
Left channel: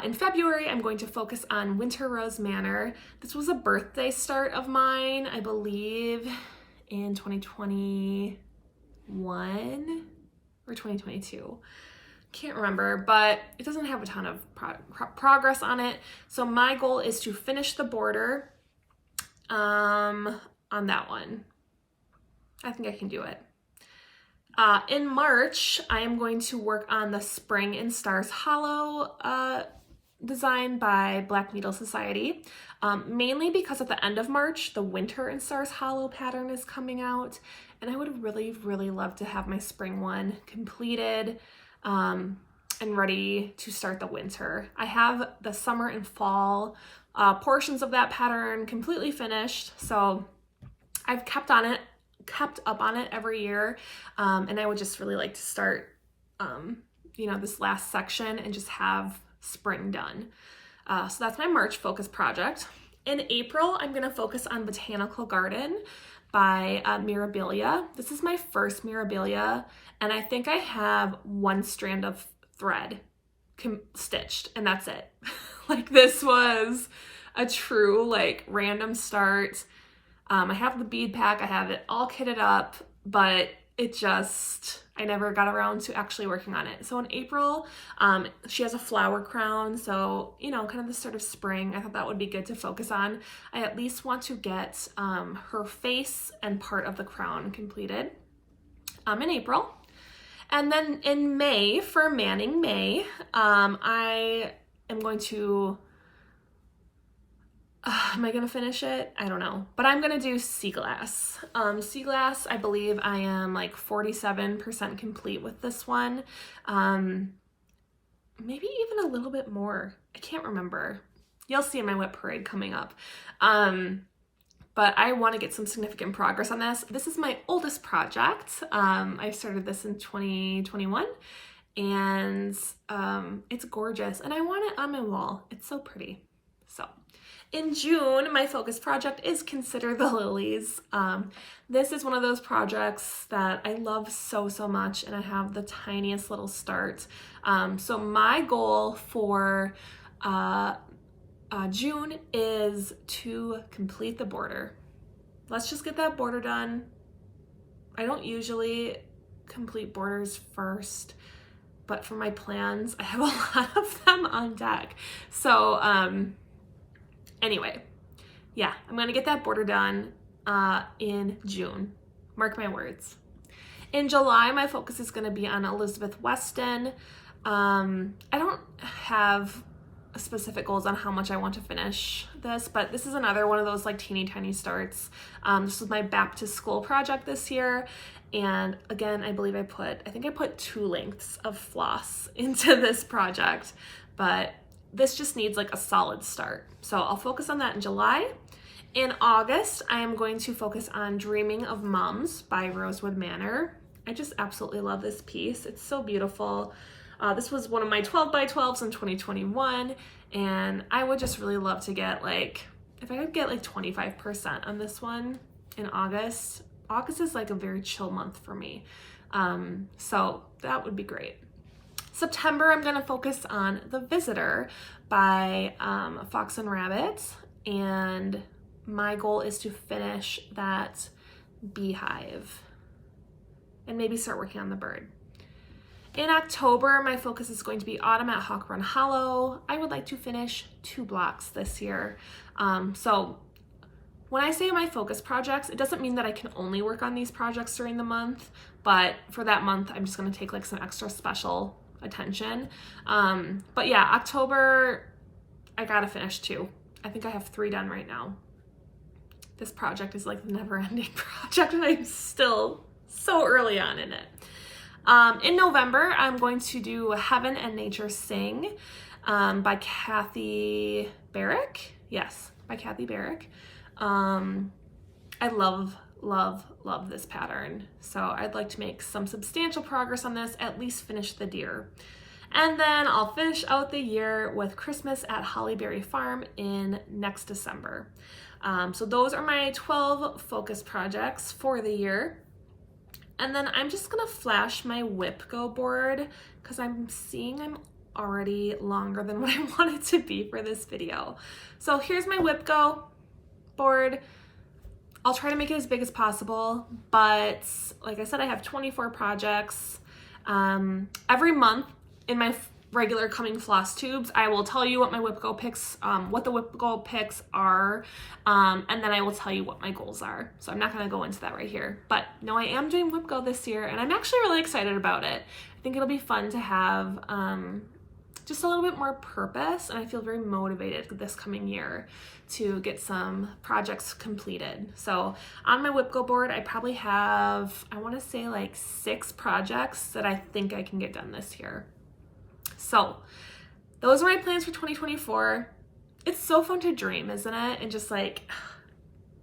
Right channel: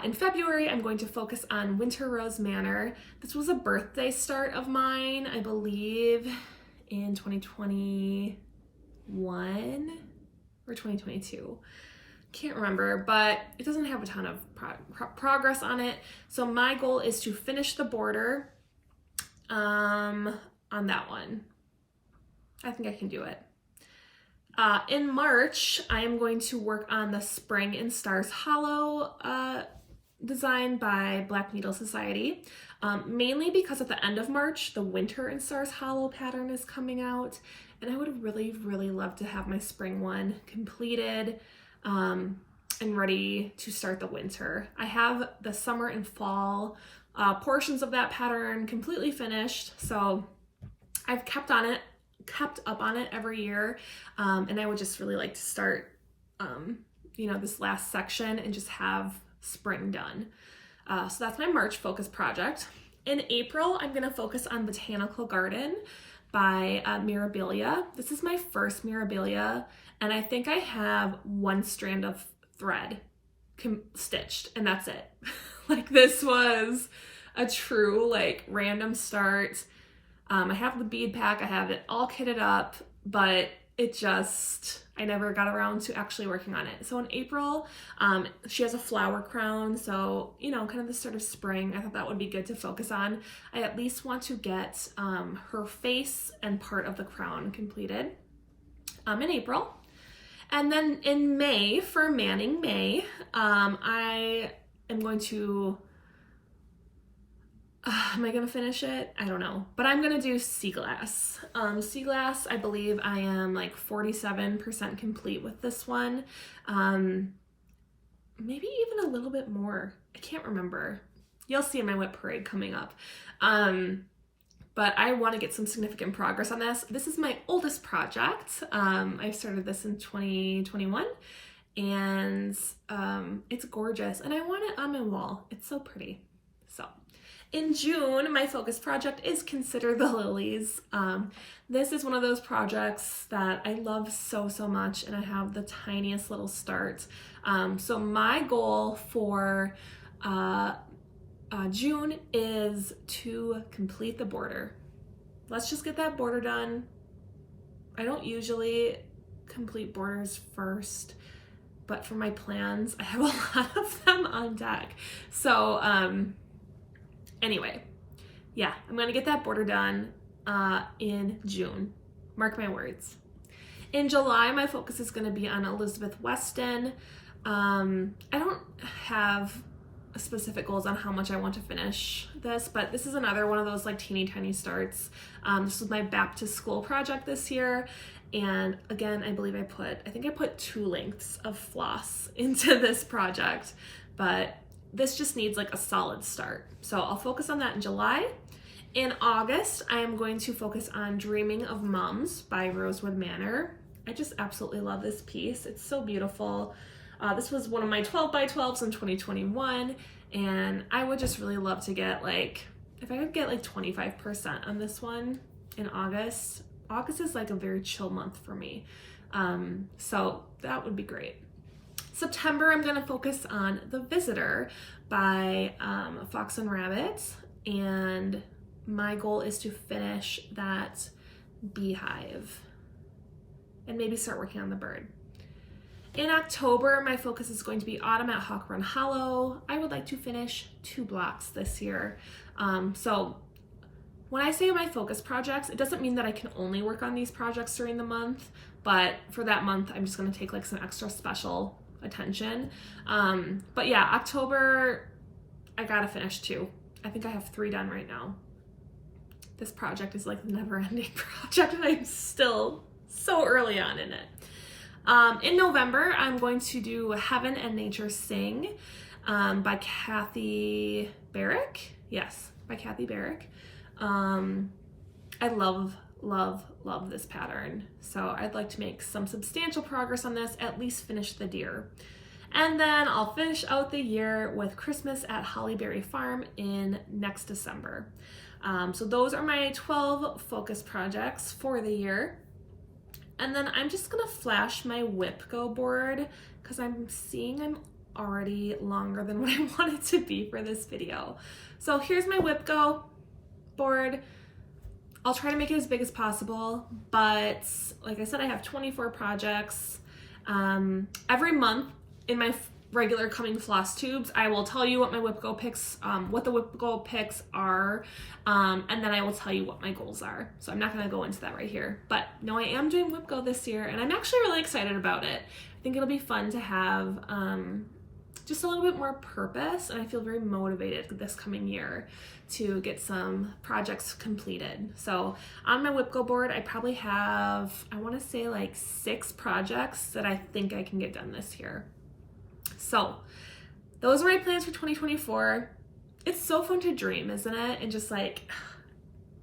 In February, I'm going to focus on Winter Rose Manor. This was a birthday start of mine, I believe in 2021 or 2022. Can't remember, but it doesn't have a ton of progress on it. So my goal is to finish the border on that one. I think I can do it. In March, I am going to work on the Spring in Stars Hollow design by Black Needle Society, mainly because at the end of March, the Winter in Stars Hollow pattern is coming out, and I would really, really love to have my spring one completed and ready to start the winter. I have the summer and fall portions of that pattern completely finished, so I've kept up on it every year, and I would just really like to start, this last section and just have spring done. So that's my March focus project. In April, I'm going to focus on Botanical Garden by Mirabilia. This is my first Mirabilia, and I think I have one strand of thread stitched, and that's it. Like, this was a true, like, random start. I have the bead pack, I have it all kitted up, but I never got around to actually working on it. So in April, she has a flower crown, so, kind of the sort of spring. I thought that would be good to focus on. I at least want to get her face and part of the crown completed in April. And then in May, for Manning May, I am going to am I gonna finish it? I don't know, but I'm gonna do Sea Glass. Sea Glass, I believe I am like 47% complete with this one. Maybe even a little bit more. I can't remember. You'll see in my WIP parade coming up. But I want to get some significant progress on this. This is my oldest project. I started this in 2021, and it's gorgeous, and I want it on my wall. It's so pretty. So in June, my focus project is Consider the Lilies. This is one of those projects that I love so, so much, and I have the tiniest little start. So my goal for June is to complete the border. Let's just get that border done. I don't usually complete borders first, but for my plans, I have a lot of them on deck. So anyway, yeah, I'm gonna get that border done in June. Mark my words. In July, my focus is gonna be on Elizabeth Weston. I don't have specific goals on how much I want to finish this, but this is another one of those like teeny tiny starts. This was my back to school project this year, and again, I believe I think I put 2 lengths of floss into this project, but this just needs like a solid start. So I'll focus on that in July. In August, I am going to focus on Dreaming of Mums by Rosewood Manor. I just absolutely love this piece. It's so beautiful. This was one of my 12 by 12s in 2021, and I would just really love to get if I could get 25% on this one in August. August is like a very chill month for me, so that would be great. September, I'm gonna focus on The Visitor by Fox and Rabbit, and my goal is to finish that beehive and maybe start working on the bird. In October, my focus is going to be Autumn at Hawk Run Hollow. I would like to finish 2 blocks this year. So when I say my focus projects, it doesn't mean that I can only work on these projects during the month, but for that month, I'm just gonna take some extra special attention. But yeah, October, I gotta finish 2. I think I have 3 done right now. this project is like a never-ending project, and I'm still so early on in it. In November, I'm going to do Heaven and Nature Sing by Kathy Barrick. Yes, by Kathy Barrick. I love this pattern. So I'd like to make some substantial progress on this, at least finish the deer. And then I'll finish out the year with Christmas at Hollyberry Farm in next December. So those are my 12 focus projects for the year. And then I'm just gonna flash my whip go board because I'm seeing I'm already longer than what I wanted to be for this video. So here's my whip go board. I'll try to make it as big as possible, but like I said, I have 24 projects. Every month in my regular coming floss tubes, I will tell you what my whip go picks, what the whip go picks are, and then I will tell you what my goals are. So I'm not gonna go into that right here, but no, I am doing whip go this year, and I'm actually really excited about it. I think it'll be fun to have just a little bit more purpose, and I feel very motivated this coming year to get some projects completed. So on my whip go board, I probably have, I wanna say like 6 projects that I think I can get done this year. So those are my plans for 2024. It's so fun to dream, isn't it? And just like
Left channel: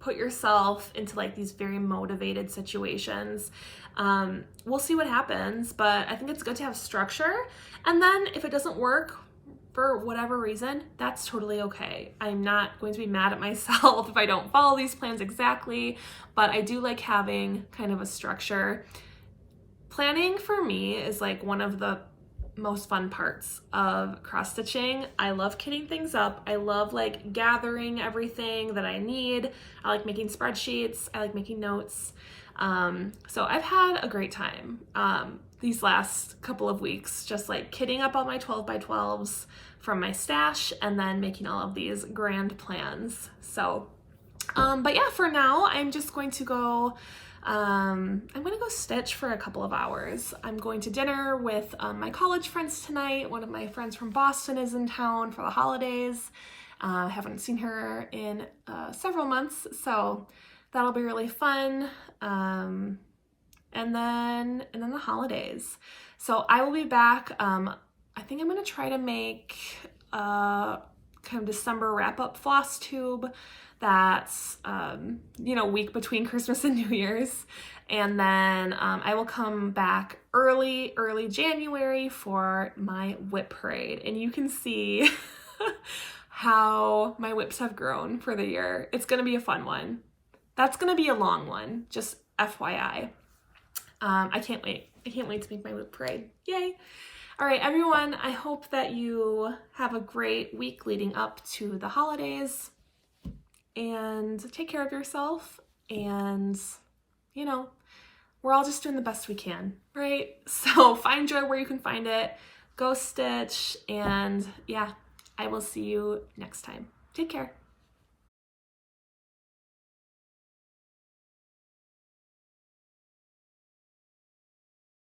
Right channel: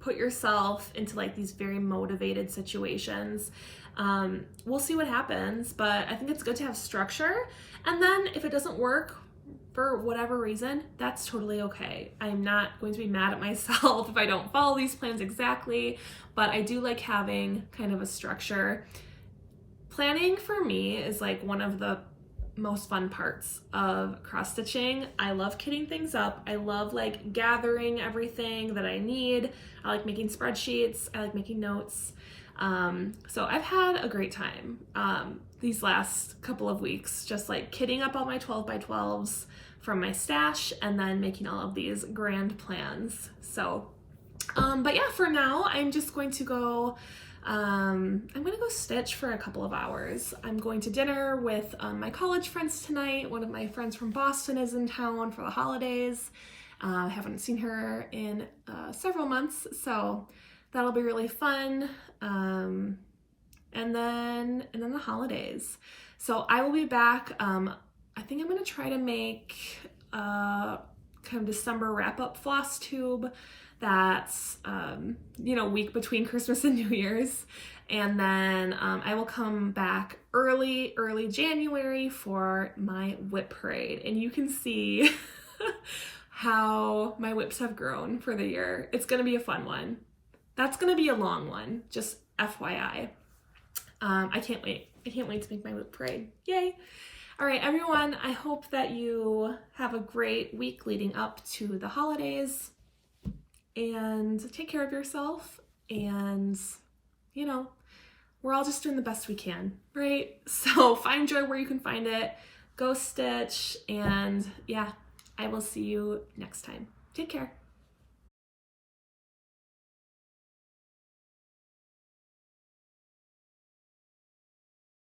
put yourself into like these very motivated situations. We'll see what happens, but I think it's good to have structure. And then if it doesn't work for whatever reason, that's totally okay. I'm not going to be mad at myself if I don't follow these plans exactly, but I do like having kind of a structure. Planning for me is like one of the most fun parts of cross stitching. I love kitting things up. I love like gathering everything that I need. I like making spreadsheets. I like making notes. So I've had a great time these last couple of weeks, just like kitting up all my 12x12s from my stash and then making all of these grand plans. So, but yeah, for now, I'm just going to go I'm gonna go stitch for a couple of hours. I'm going to dinner with my college friends tonight. One of my friends from Boston is in town for the holidays. I haven't seen her in several months, so that'll be really fun. And then the holidays. So I will be back. I think I'm gonna try to make a kind of December wrap-up floss tube that's week between Christmas and New Year's, and then I will come back early January for my whip parade, and you can see how my whips have grown for the year. It's gonna be a fun one. That's gonna be a long one, just FYI. I can't wait to make my whip parade. Yay. All right, everyone, I hope that you have a great week leading up to the holidays. And take care of yourself, and we're all just doing the best we can, right? So find joy where you can find it, go stitch, and yeah, I will see you next time. Take care.